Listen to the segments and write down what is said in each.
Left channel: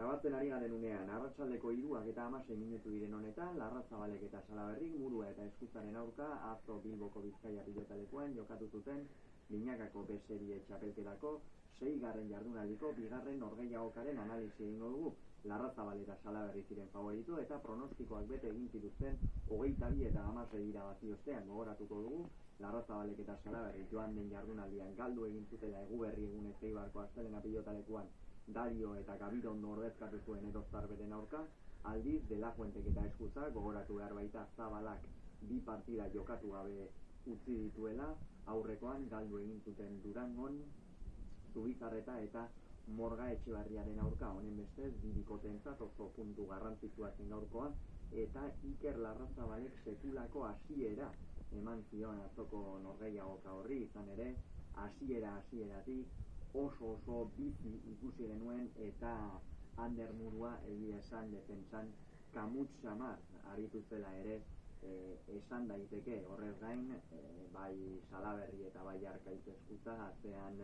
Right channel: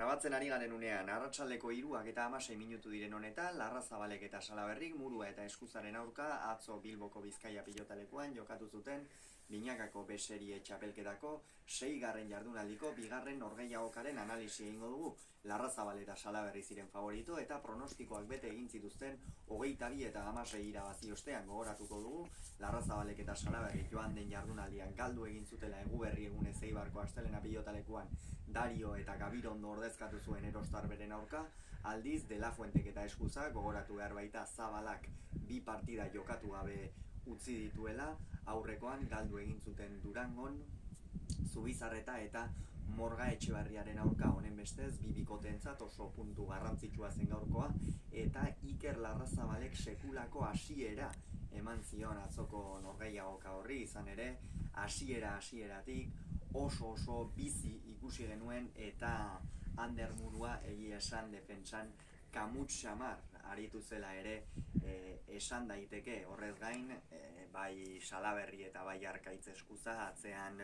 Grabatzen ari garen unean, arratsaldeko 3:16 minutu diren honetan, Larrazabalek eta Salaberrik Murua eta Eskuzaren aurka atzo Bilboko Bizkaia pilotalekuan jokatu zuten binakako B serie txapelketako 6. jardunaldiko 2. norgehiagokaren analisi egingo dugu. Larrazabal eta Salaberri ziren favorito eta pronostikoak bete egin zituzten 22 eta 16 irabazi ostean gogoratuko dugu. Larrazabalek eta Salaberri joan den jardunaldian galdu egin zutela Eguberri egunez Eibarko astelena pilotalekuan Dario eta Gabirondo ordezkatu zuen Erostar beren aurka, aldiz De La Fuentek eta Eskuzak gogoratu behar baita Zabalak 2 partida jokatu gabe utzi dituela, aurrekoan galdu egin zuten Durangon, Zubizarreta eta Morga Etxebarriaren aurka. Honen bestez, bi bikoteentzat oso puntu garrantzitsua zen gaurkoa, eta Iker Larrazabalek sekulako hasiera eman zion atzoko norgehiagoka horri, izan ere, hasieratik oso bizi ikusi genuen eta Ander Murua egia esan defentsan kamuts xamar aritu zela ere esan daiteke. Horrez gain, bai Salaberri eta bai Arkaitz Eskuza atzean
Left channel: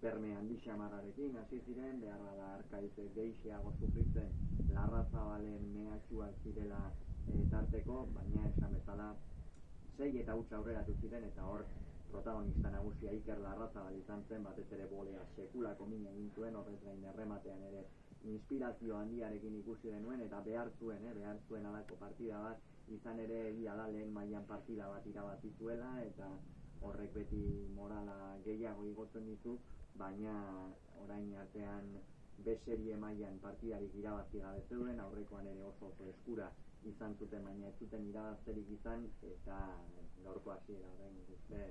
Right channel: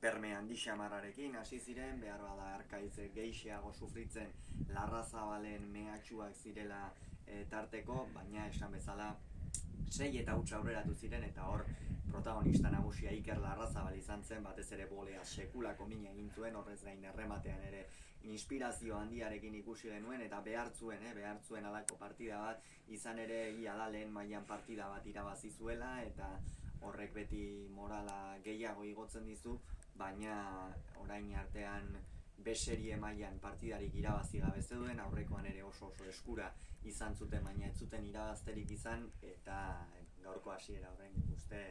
perme handi xamarrarekin hasi ziren, behar bada Arkaitz gehixeago sufritzen Larrazabalen mehatxuak zirela tarteko, baina esan bezala 6 eta huts aurreratu ziren eta hor protagonista nagusia Iker Larrazabal izan zen, batez ere bolea sekulako mina egin zuen, horrez gain errematean ere inspirazio handiarekin ikusi genuen eta behar zuen alako partida bat, izan ere egia da lehen mailan partida bat irabazi zuela eta horrek beti morala gehiago igotzen dizu, baina orain artean B serie mailan partidarik irabazi gabe zeuden, aurrekoan ere oso eskura izan zuten, baina ez zuten irabazterik izan, eta gaurko hasiera orain uste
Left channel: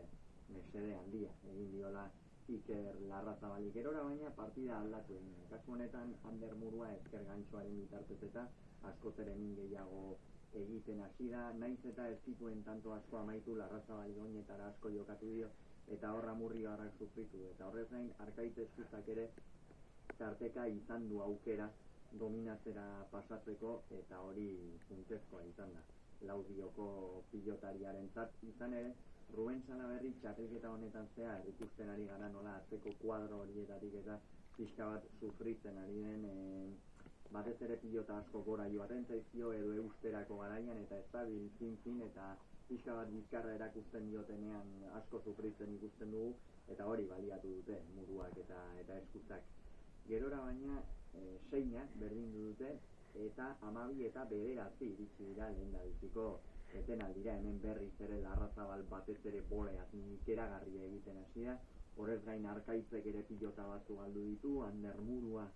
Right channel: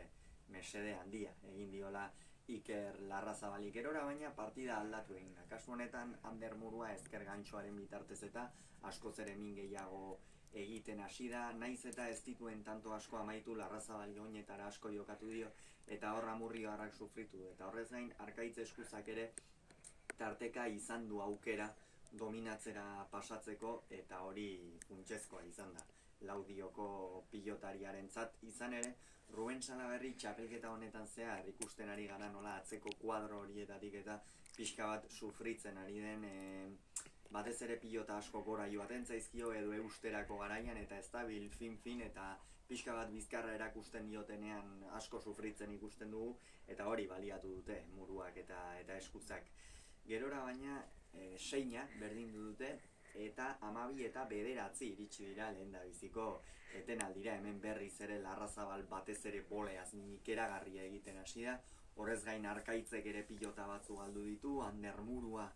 mesede handia egin diola Iker Larrazabalik erora, baina partida aldatu egin da. Kasu honetan Ander Murua ezker gantxoaren bitartez eta askoz ere min gehiago egiten hasi da, naiz eta ez dituen tanto asko amaitu, Larrazabal oinetara asko jokatu dio eta horra Murriarrak sufritu, eta horrez gain Arkaitz Eskuzak ere tarteka izan du aukera dominatzera pasatzeko, eta hori funtsezkoa izan da Laudioko pilotariarentzat. Izan ere, Ruben Salaberri txapelketa honetan zehar ikusten ari gara nola atzeko kuadro horietatik eta pixka bat sufritzen ari den, batez ere pilota asko gora joaten zaizkio edo eusterako garaian, eta ez da fin eta pixka bat bizkarra erakusten diotenean asko sufritzen ikusten dugu, eta hori baliatu dute Muruak eta Eskuzak. Gerora baina seina berdindu dute eta 12 eta 9 iritsi dira lehendabiziko etenaldira. Hemen berriz ere Larrazabal batez ere boleaz ikeragarria egiten hasi da. Horrez gain Arkaitzek ere pilota batzu galdu ditu, Ander Murua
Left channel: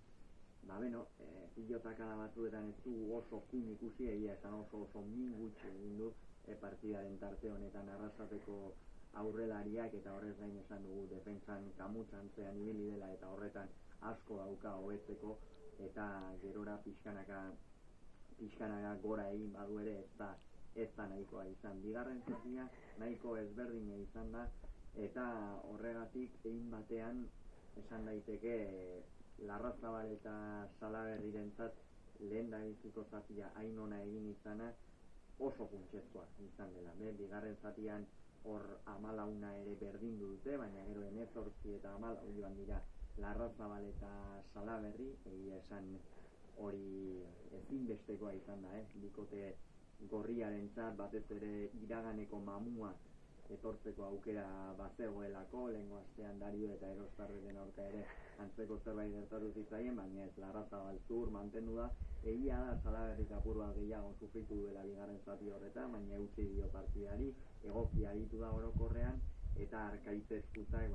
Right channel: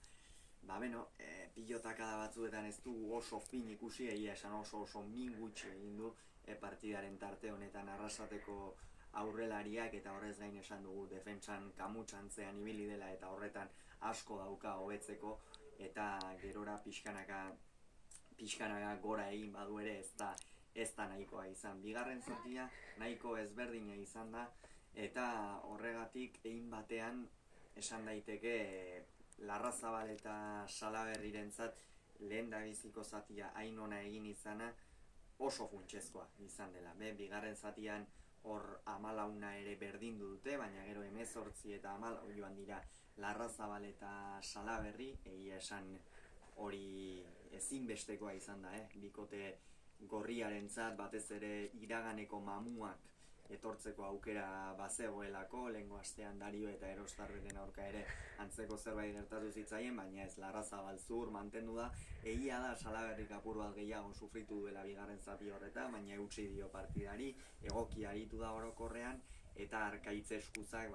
pilotakada batzuetan ez du oso fin ikusi, egia esan oso min gutxi egin du partidaren tarte honetan Arrasateko aurrelariak, eta horrez gain esan dugu defentsan kamutsantzean ibili dela eta horretan asko dauka hobetzeko, eta gerora pixkanaka gora egin badu ere ez da nahikoa izan. Bigarren zatia nahiko ezberdina izan da, eta horregatik egin batean esan daiteke Larrazabal eta Salaberrirentzat lehendabiziko zatia hain ona egin izana oso funtsezkoa izan dela. Bigarren zatian hor 14 ere berdindu dute, baina gero 18 eta 14 joan dira Larrazabal eta Salaberri, egia esan hori ezinbestekoa izan da, bikote gorriarentzat, batez ere iraganeko mamuak etortzeko aukera bazegoelako, lehengo astean Dario eta Erostarren aurka ere antzeko zerbait gertatu zitzaien, baina ez, Larrazabal zur mantendu da. Egia da Salaberrik apur bat gehiago sufritu duela bigarren zati horretan, baina eutsi dio partidari, egoki aritu da orokorrean, eta Arkaitz Eskuzak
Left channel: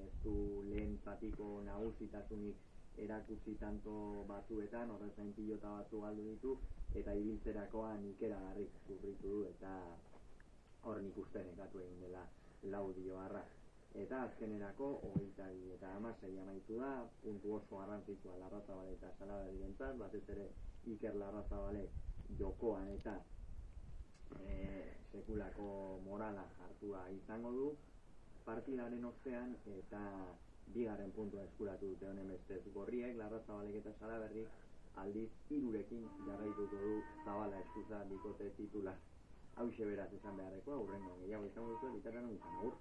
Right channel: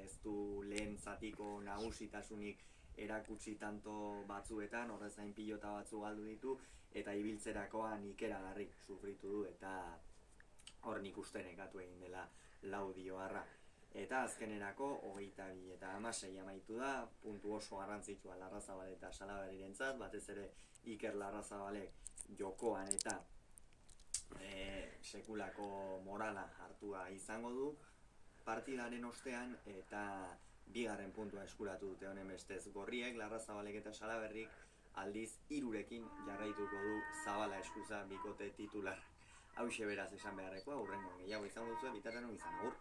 ez du lehen zatiko nagusitasunik erakutsi tanto batzuetan, horrez gain pilota batzu galdu ditu, eta ibiltzerakoan ikeragarri sufritu du, eta hor nik uste nekatu egin dela Laudioarra. Eta azkenerako 22 eta 16 amaitu da, puntu oso garrantzitsua Larrazabal eta Salaberrirentzat, batez ere Iker Larrazabalek jokoan eta sekulako morala hartua izango du partidaren ostean, eta bigarren puntua eskuratu dute. Honen bestez gorriek, Larrazabalek eta Salaberrik aldiz 3rekin jarraituko du Zabala Eskuza bikote titular. Hauxe beraz esan beharrekoa, hurrengo gehiago izango duzu, bitartean izan agur.